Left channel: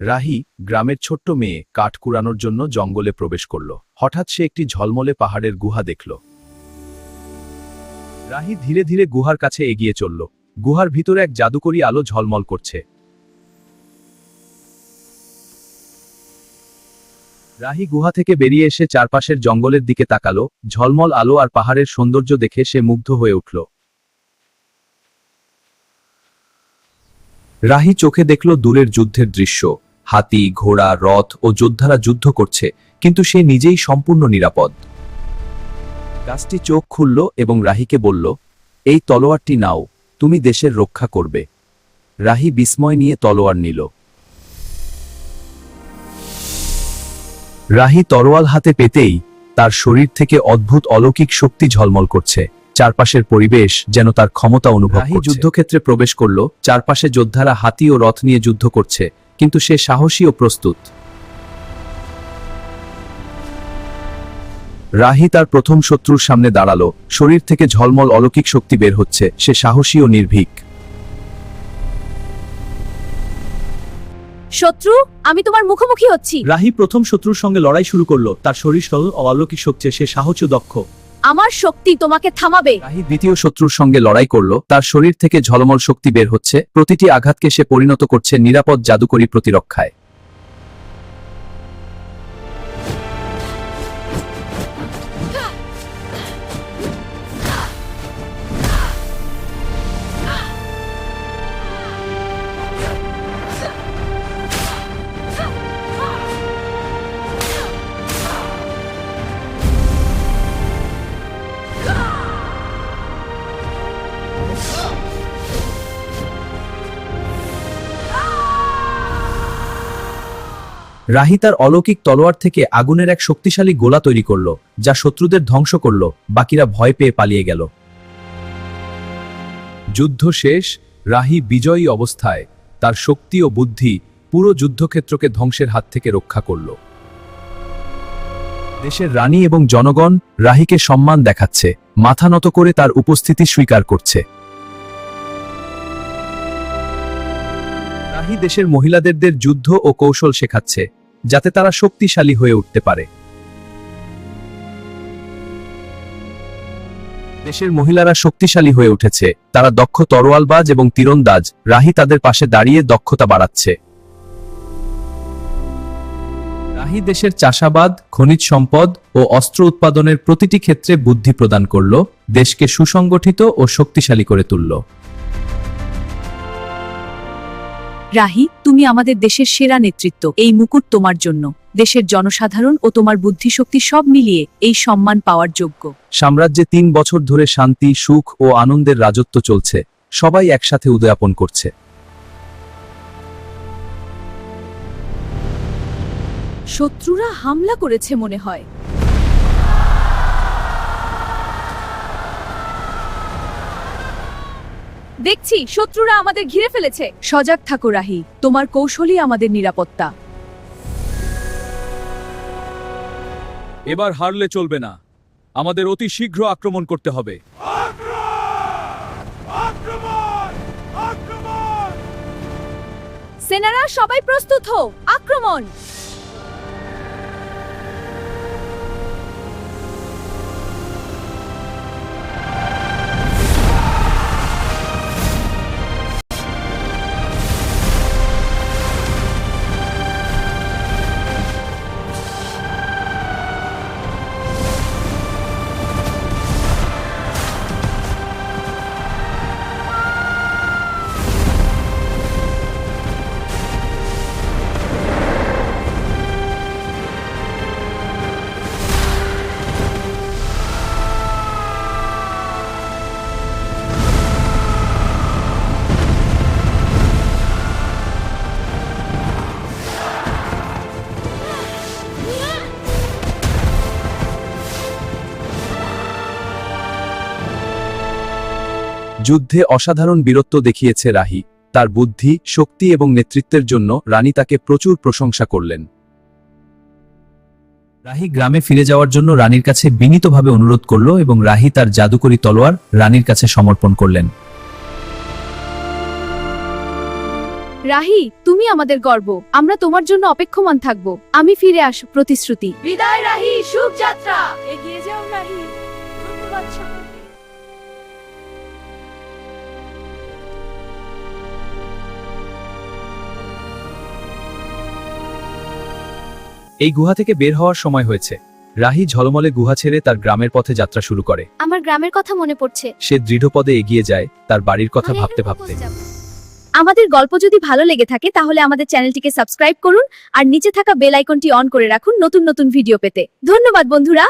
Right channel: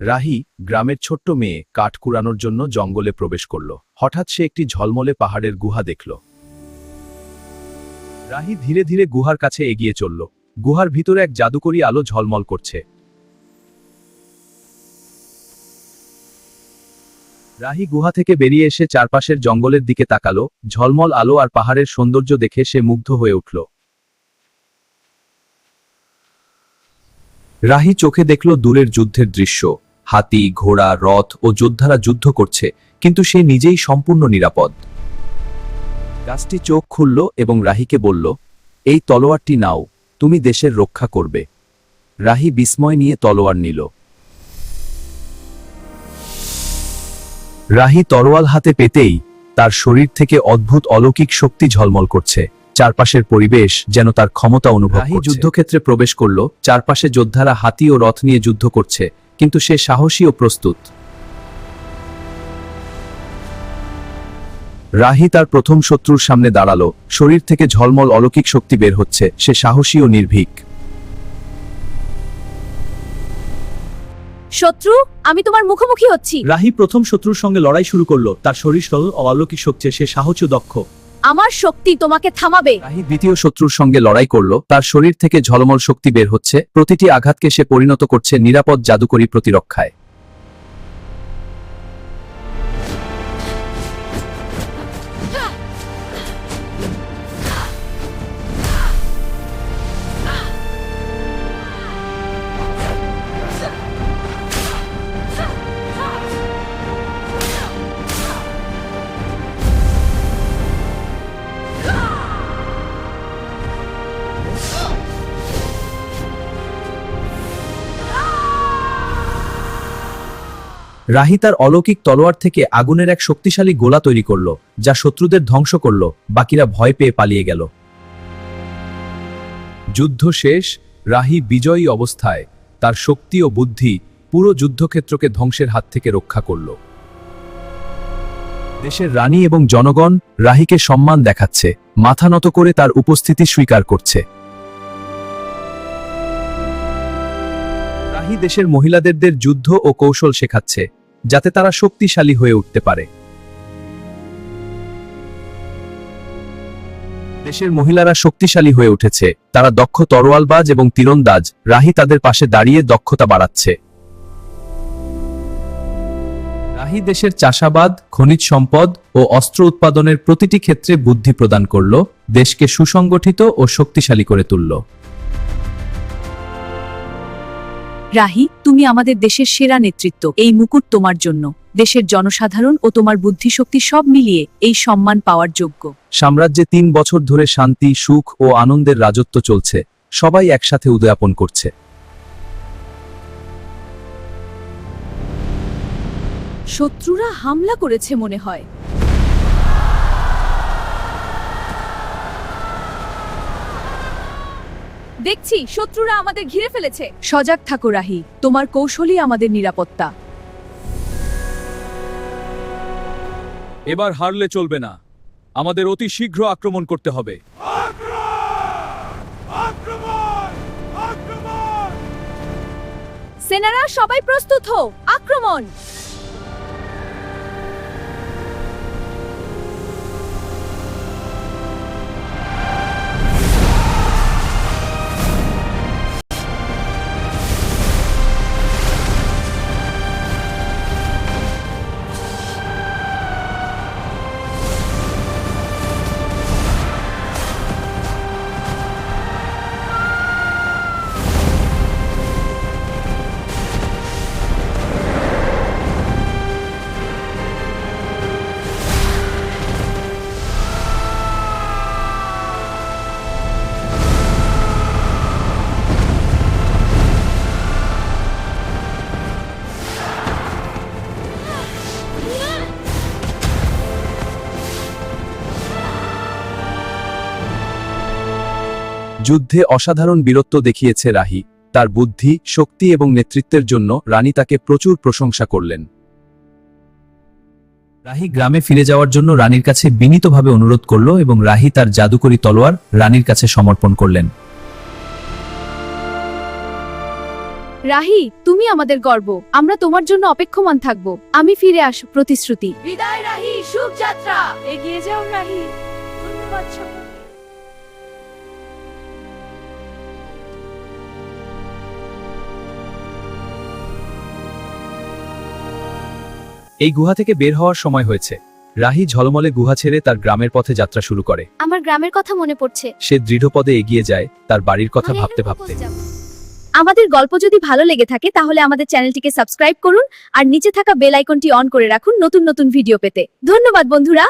রাহি, গ্রামের ছোট্ট মেয়ে, কাঠ কুড়ানোর জন্য জঙ্গলে প্রবেশ করল। হঠাৎ সে একটি ঝলমলে পাহাড়ের গুহা দেখল। রাহি ধীরে ধীরে গুহার কাছে এগিয়ে চলল। গুহার ভিতরে এক জাদুকরী আলো ঝলমল করছে। রাহি গুহা থেকে বেরিয়ে এসে চারপাশের জঙ্গলের দিকে তাকালো। ঝলমল আলো আর পাহাড়ের সৌন্দর্য দেখে সে মুগ্ধ হয়ে উঠল। রাহি চোখে দেখল দূরের যুদ্ধের দৃশ্য। হাতি, ঘোড়া, রথ ও যোদ্ধারা যুদ্ধ করছে, কিন্তু সে নিজেই সম্পূর্ণ নিরাপদ। গাছটি চোখ খুলল এবং রাহিকে বলল, এই তলোয়ারটি নাও, তুমি দেশের রক্ষা করবে। রাহি বিস্ময় নিয়ে তলোয়ার নিল। রাহি তরোয়াল হাতে পেতেই তার শরীর থেকে অদ্ভুত অলৌকিক শক্তি ঝলমল করছে। চারপাশের পরিবেশ যেন তার ক্ষমতা অনুভব করছে। রাহি যুদ্ধক্ষেত্রে প্রবেশ করল। চারপাশে যোদ্ধারা হাতি ও রথ নিয়ে যুদ্ধ করছে, কিন্তু সে সাহসী ও প্রস্তুত। রাহি তার প্রথম শত্রুর সামনে দাঁড়ালো। শরীর থেকে ঝলমল অলৌকিক শক্তি বের হচ্ছে। সে সাহসী ও নির্ভীক। শত্রু, আমি তোমার মুখোমুখি হচ্ছি। রাহি প্রথম শত্রুর সঙ্গে লড়াই শুরু করলো। তার শরীর সরল ও অলৌকিক শক্তি, সে সাহসী ও দক্ষ। আমার শক্তি তোমাকে থামাবে। রাহি দ্বিতীয় শত্রুর সঙ্গে লড়াই করল। তার শরীর থেকে ঝলমল শক্তি বের হচ্ছে। প্রতিটি আঘাতকে সে পরিণত করছে নিরাপদ জাদুকরী প্রতিরক্ষায়। রাহি তার অলৌকিক তলোয়ার থেকে আগুনের এক শক্তিশালী গোলা তৈরি করল, যা শত্রুদের ধ্বংস করল। বাকিরা ভয় পেয়ে পালিয়ে গেল। যুদ্ধ শেষ। রাহি বিজয়ী অবস্থায় তার শক্তি ও বুদ্ধি পুরো যুদ্ধক্ষেত্রকে ধ্বংসের হাত থেকে রক্ষা করল। দেশের রানী এবং জনগণ রাহিকে সম্মান দেখাচ্ছে, মাথা নত করে তার উপস্থিতি স্বীকার করছে। রাহি দেশের মহিলাদের যুদ্ধ ও কৌশল শেখাচ্ছে, যাতে তারা শক্তিশালী হয়ে উঠতে পারে। দেশের মহিলারা শক্তিশালী হয়ে উঠেছে। তারা দক্ষ তরোয়ালবাজ এবং তীরন্দাজ। রাহি তাদের পাশে দাঁড়িয়ে দক্ষতা বাড়াচ্ছে। রাহি দেশের চাষাবাদ, খনিজ সম্পদ ও অস্ত্র উৎপাদনের প্রতিটি ক্ষেত্রে বুদ্ধি প্রদান করল, দেশকে সুসংগঠিত ও শক্তিশালী করে তুলল। রাহি, তুমি আমাদের দেশের সেরা নেতৃত্ব। এই মুকুট তোমার জন্য। দেশের জনসাধারণ ও তোমার বুদ্ধিশক্তি সব মিলিয়ে এই সম্মান পাওয়ার যোগ্য। সাম্রাজ্যে 3 বছর ধরে শান্তি, সুখ ও আনন্দের রাজত্ব চলছে। সবাই একসাথে উদযাপন করছে। শত্রুরা হামলা করেছে মনে হয়। দেখছি শত্রুরা আমাদের ঘিরে ফেলেছে। সজাগ থাকো রাহি, তোমার কৌশলই আমাদের নিরাপত্তা। এবার হারলে চলবে না, আমাদের অতি শীঘ্র আক্রমণ করতে হবে। সেনারা সবাই প্রস্তুত হও, আক্রমণ! যুদ্ধে অসাধারণ বীরত্ব দেখিয়েছে রাহি। তার বুদ্ধি, শক্তি এবং নেতৃত্বের জন্য রানী তাকে প্রচুর প্রশংসা করলেন। রাহি গ্রামে ফিরে যাওয়ার জন্য রানীর কাছে বিনীতভাবে অনুরোধ করল এবং রাহি তার জাদুকরী তলোয়ার রানীর কাছে সমর্পণ করলেন। রাহি, তুমি আমাদের গর্ব। আমরা তোমার জন্য অপেক্ষমান থাকব। আমি ফিরে আসব, প্রতিশ্রুতি। বিদায় রাহি, শুভ যাত্রা। এগিয়ে যাও রাহি। ধন্যবাদ সবাইকে। এই গুহা থেকে বের হওয়ার সময় হয়েছে। রাহি ঝলমলে গুহা ছেড়ে তার গ্রামের পথে যাত্রা শুরু করে। আমার গ্রামের কথা মনে পড়ছে। সে দৃঢ়পদে এগিয়ে যায় তার বাড়ির কথা আমি ভাবতে এখানে ভাবতে। পৌঁছে যাব। আমাদের গল্প যদি ভালো লেগে থাকে তাহলে আমাদের চ্যানেলটিকে সাবস্ক্রাইব করুন আর নিচে থাকা বেল আইকনটি অন করে রাখুন নতুন নতুন ভিডিও পেতে। ধন্যবাদ বন্ধুরা।